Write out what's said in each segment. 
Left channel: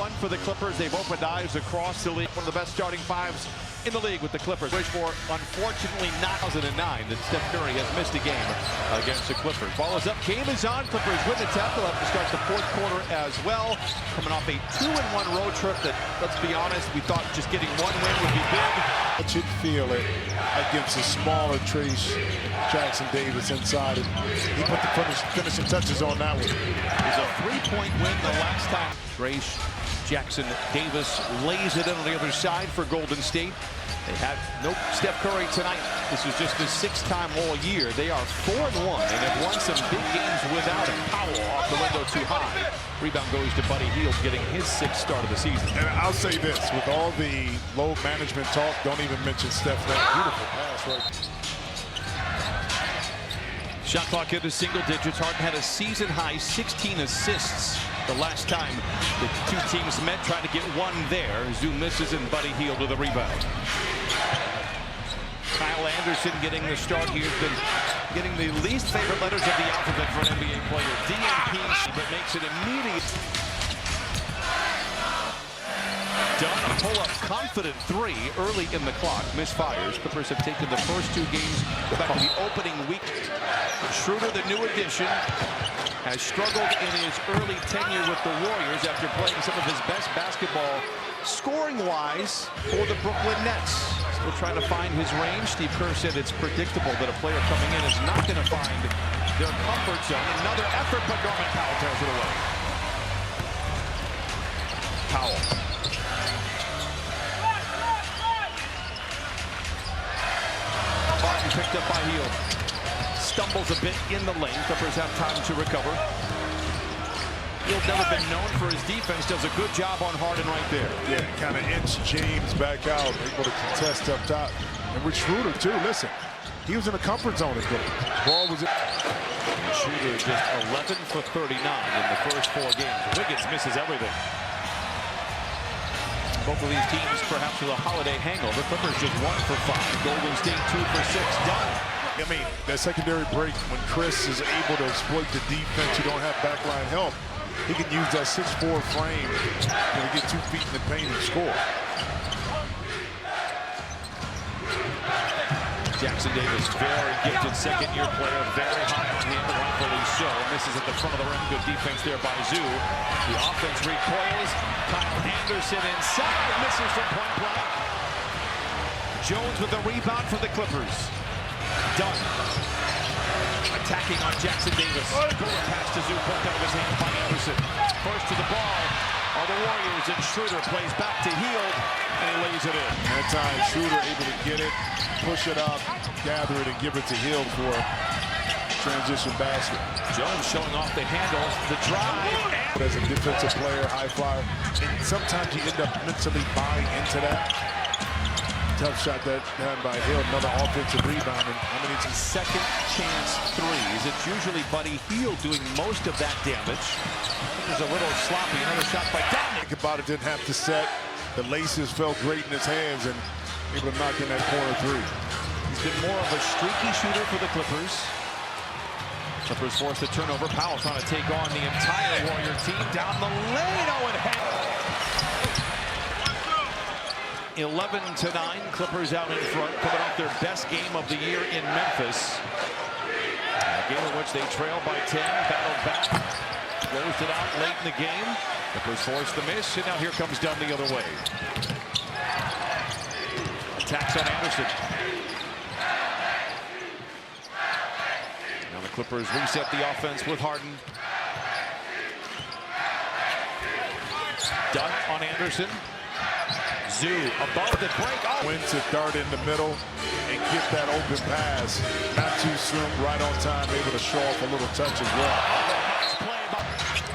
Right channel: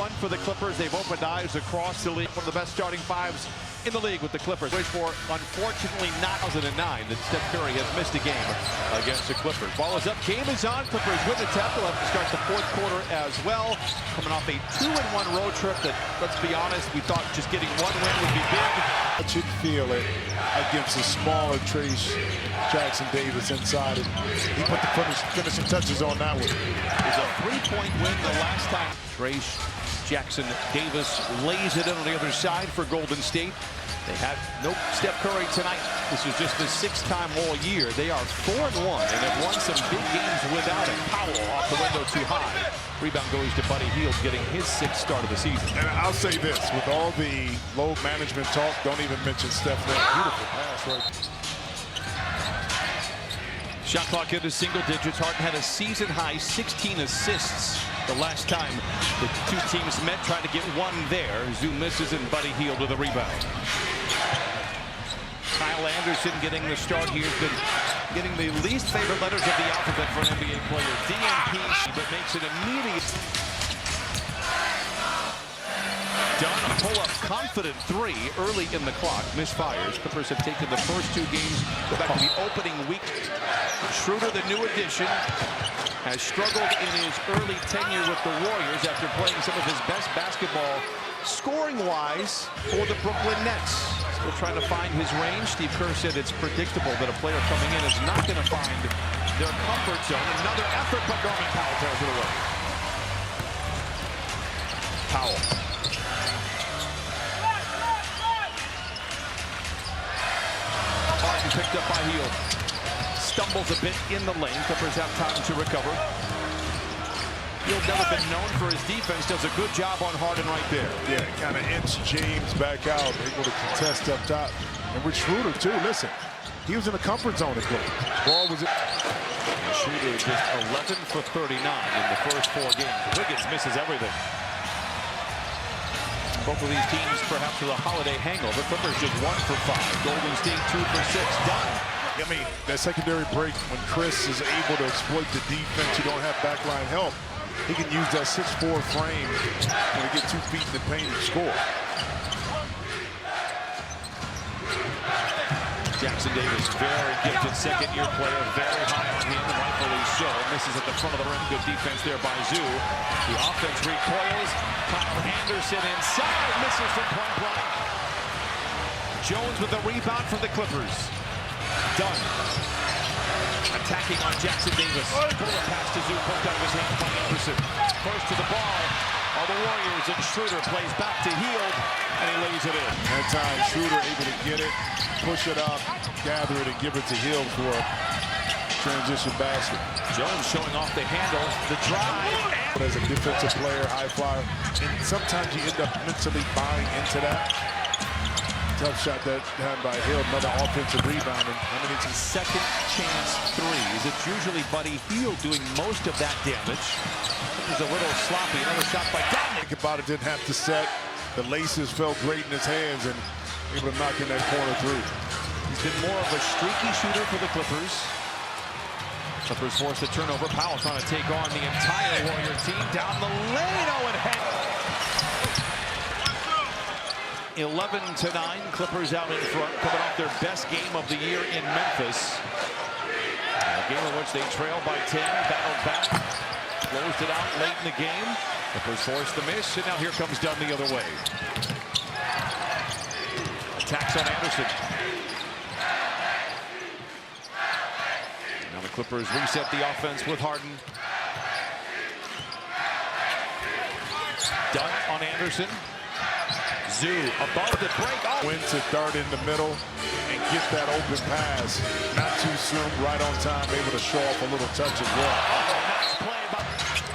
one for the Clippers. They've opened eyes across the league. One of the best starting fives in the league with the Clippers. Which for, unfortunately, not 2009 that Steph Curry has missed a game against the Clippers. Ball is up. Game is on. Clippers win the tap. They'll have to start the fourth quarter as well. Coming off a 2-1 road trip that, let's be honest, we thought just getting one win would be big. I should feel it against a smaller Trayce Jackson-Davis inside, and he put the finishing touches on that one. It was a 3-point win the last time. Trayce Jackson-Davis lays it in on the other side for Golden State. They had no Steph Curry tonight. This is just the 6th time all year. They are 4-1 and have won some big games without him. Powell off the window too high. Rebound goes to Buddy Hield, getting his 6th start of the season. And I'll say this, with all the load management talk, don't even mention Steph. That beautiful pass right. Shot clock into single digits. Harden had a season-high 16 assists the last time the two teams met, trying to get one there. Zoo misses and Buddy Hield with a rebound. Kyle Anderson getting the start here. Has been getting the least favorite letters of the alphabet for an NBA player. DNP, but makes it immediate. Done a pull-up confident 3 early in the clock. Misfires. Clippers have taken the first 2 games back to the opening week. Schroeder, the new addition, has struggled in his early tenure with the Warriors after playing some of his best basketball scoring-wise for the Brooklyn Nets. Still trying to find his range. Steve Kerr said it's predictable that a player coming in is not going to find their comfort zone. Another effort, but Norman Powell tears it away. Powell. Harden picked up by Hield. Stumbles a bit in the lane. Clippers have time to recover. Hield never been known for his defense. Does a good job on Harden right there. Yeah, kind of inch James back out, able to contest up top. And with Schroeder, too, listen, he was in a comfort zone at Brooklyn. Ball was it. Schroeder just 11 for 39 in the first 4 games. Wiggins misses everything. Both of these teams perhaps with a holiday hangover. Clippers just 1 for 5. Golden State 2 for 6. Done. I mean, that secondary break, when Chris is able to exploit the defense, you don't have backline help. He can use that 6'4" frame to get 2 feet in the paint and score. Jackson-Davis, very gifted second-year player, very high on him, and rightfully so. Misses at the front of the rim. Good defense there by Zoo. The offense recoils. Kyle Anderson inside, misses from point blank. Jones with the rebound for the Clippers. Done. Attacking on Jackson-Davis. Bullet pass to Zoo, poked out of his hands by Anderson. First to the ball are the Warriors, and Schroeder plays back to Hield, and he lays it in. That time, Schroeder able to get it, push it up, gather it, and give it to Hield for a transition basket. Jones showing off the handles, the drive. But as a defensive player, high flyer, and sometimes you end up mentally buying into that. Tough shot that done by Hield, another offensive rebound. And how many second chance threes? It's usually Buddy Hield doing most of that damage. There's a little sloppy. Another shot by Dominic. Think about it, didn't have to set. The laces felt great in his hands and able to knock in that corner 3. He's been more of a streaky shooter for the Clippers. Clippers forced a turnover. Powell trying to take on the entire Warrior team down the lane. Oh, and head. 11-9, Clippers out in front, coming off their best game of the year in Memphis. A game in which they trailed by 10, battled back, closed it out late in the game. Clippers forced the miss, and now here comes Dunn the other way. Attacks on Anderson. Now the Clippers reset the offense with Harden. Dunn on Anderson. Zoo above the break. Oh. Win to dart in the middle and get that open pass. Not too soon, right on time, able to show off a little touch as well. Oh, nice play.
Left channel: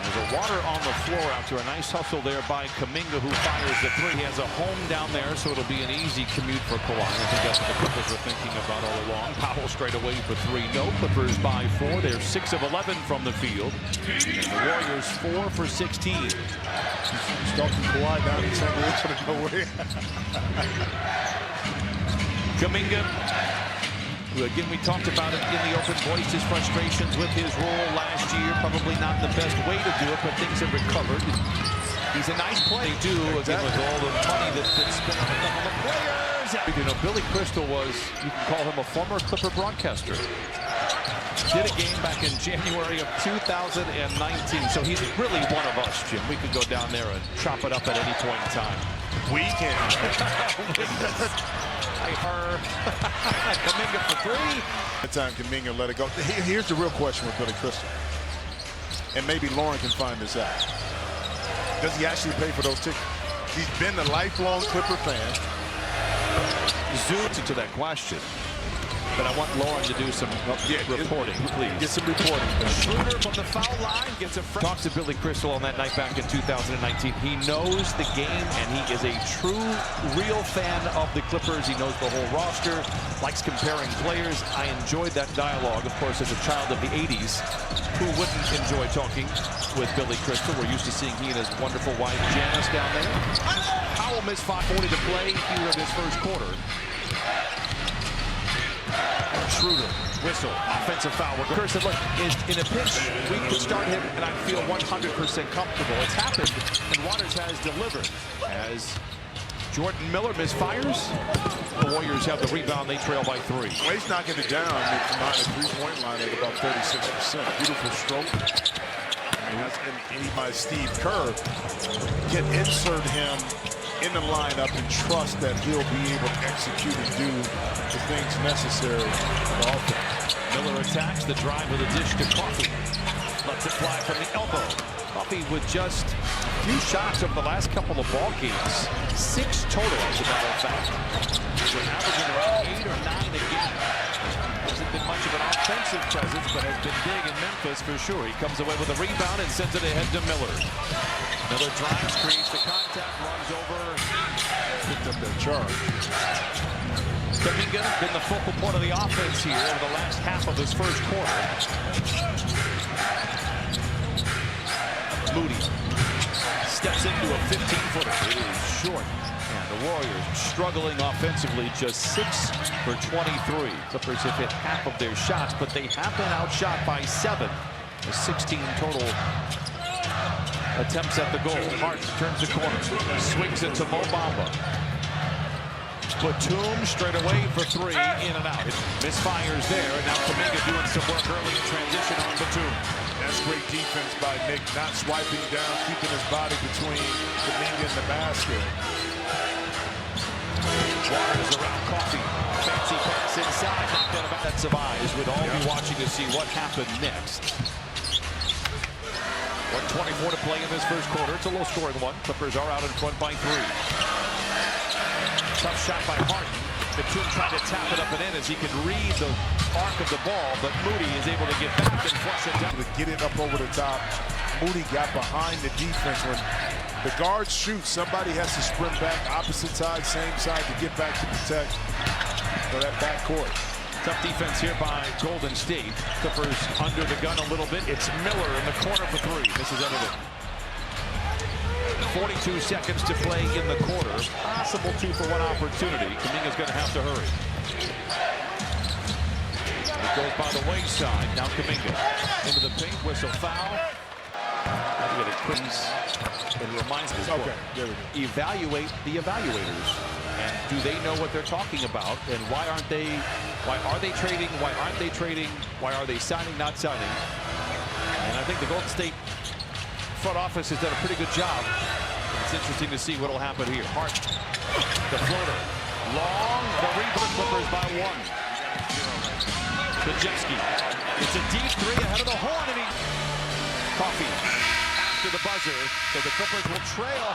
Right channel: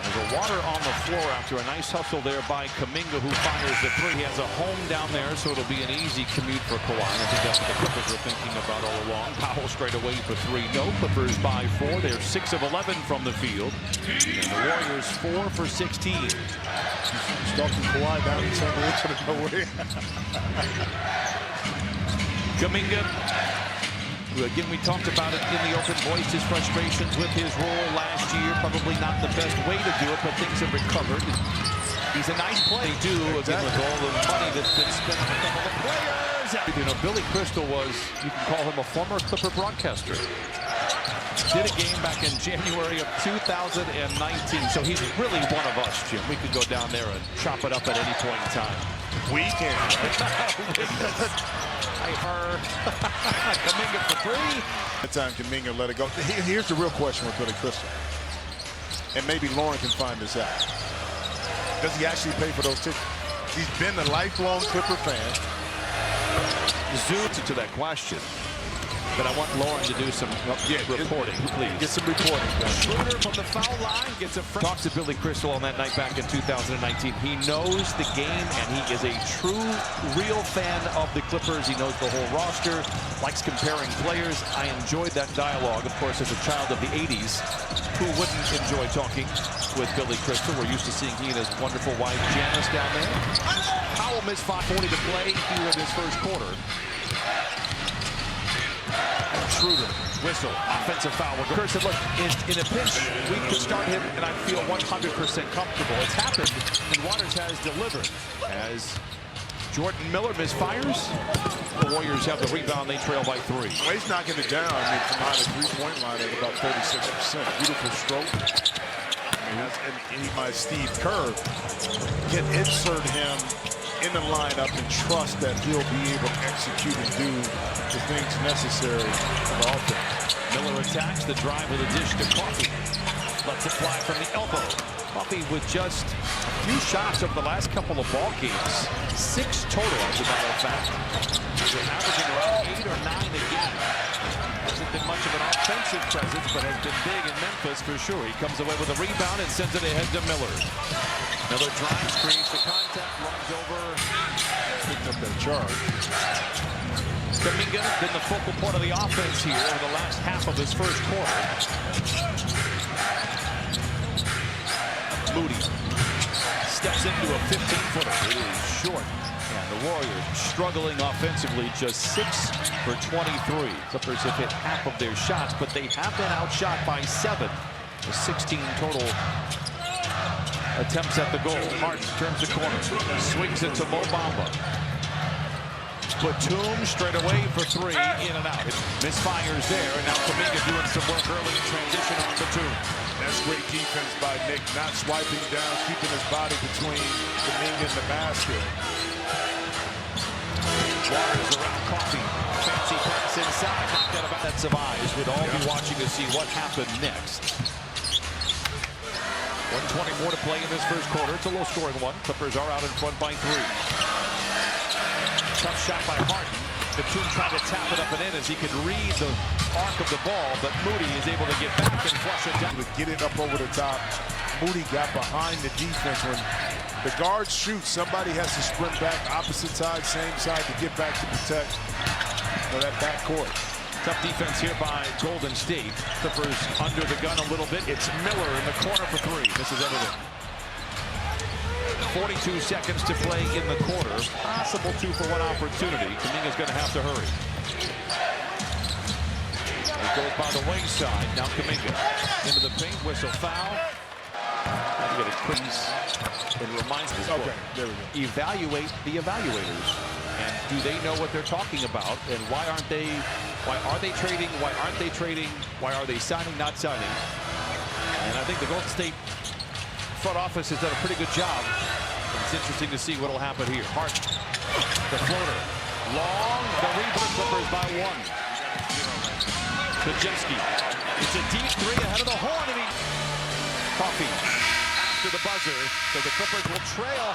There's a water on the floor after a nice hustle there by Kuminga, who fires the 3. He has a home down there, so it'll be an easy commute for Kawhi. I think that's what the Clippers were thinking about all along. Powell straight away for 3. No, Clippers by 4. They're 6 of 11 from the field. And the Warriors 4 for 16. Stalking Kawhi down in San Diego nowhere. Kuminga, who again we talked about it in the open, voiced his frustrations with his role last year. Probably not the best way to do it, but things have recovered. He's a nice play. They do, again, with all the money that's been spent on a couple of players. You know, Billy Crystal was, you can call him a former Clipper broadcaster. Did a game back in January of 2019. So he's really one of us, Jim. We could go down there and chop it up at any point in time. We can. Kuminga for three. That time Kuminga let it go. Here's the real question with Billy Crystal. And maybe Lauren can find this out. Does he actually pay for those tickets? He's been a lifelong Clipper fan. Zoom to that question. But I want Lauren to do some reporting, please. Get some reporting done. Schroeder from the foul line gets a talk to Billy Crystal on that night back in 2019. He knows the game, and he is a true, real fan of the Clippers. He knows the whole roster, likes comparing players. I enjoyed that dialogue, of course, as a child of the 80s. Who wouldn't enjoy talking with Billy Crystal? We're used to seeing he and his wonderful wife, Janice, down there. Powell missed 5:40 to play here in this first quarter. Schroeder, whistle, offensive foul. Kerr said, look, in a pinch, we could start him, and I feel 100% comfortable. It's happened, and Waters has delivered. As Jordan Miller misfires, the Warriors have the rebound. They trail by 3. Well, he's knocking it down from behind the three-point line at about 36%. Beautiful stroke. I mean, and he might Steve Kerr can insert him in the lineup and trust that he'll be able to execute and do the things necessary for the offense. Miller attacks the drive with a dish to Coffey. Lets it fly from the elbow. Coffey with just a few shots over the last couple of ball games. 6 total, as a matter of fact. They're averaging around 8 or 9 a game. Hasn't been much of an offensive presence, but has been big in Memphis for sure. He comes away with a rebound and sends it ahead to Miller. Miller drives, creates the contact, runs over. Picked up that charge. Kuminga been the focal point of the offense here over the last half of this first quarter. Moody steps into a 15-footer. It is short. And the Warriors struggling offensively, just 6 for 23. Clippers have hit half of their shots, but they have been outshot by 7. The 16 total attempts at the goal. Harden turns the corner, swings it to Mo Bamba. Batum straight away for 3, in and out. It misfires there, and now Kuminga doing some work early in transition on Batum. That's great defense by Nick, not swiping down, keeping his body between Kuminga and the basket. Waters around Coffey. Fancy pass inside, knocked out of bounds. Sets of eyes would all be watching to see what happened next. 1:24 to play in this first quarter. It's a low-scoring one. Clippers are out in front by 3. Tough shot by Harden. Batum trying to tap it up and in as he could read the arc of the ball, but Moody is able to get back and flush it down. To get it up over the top. Moody got behind the defense. When the guards shoot, somebody has to sprint back opposite side, same side to get back to protect that backcourt. Tough defense here by Golden State. Clippers under the gun a little bit. It's Miller in the corner for 3. Misses everything. 42 seconds to play in the quarter. Possible 2-for-1 opportunity. Kuminga's going to have to hurry. It goes by the wayside. Now Kuminga into the paint. Whistle foul. You got a quick. It reminds me. Okay, there we go. Evaluate the evaluators. And do they know what they're talking about? And why aren't they? Why are they trading? Why aren't they trading? Why are they signing, not signing? And I think the Golden State front office has done a pretty good job. And it's interesting to see what will happen here. Harden, the floater, long. The rebound. Clippers by 1. Kajemski. It's a deep 3 ahead of the horn, and Coffey after the buzzer. So the Clippers will trail.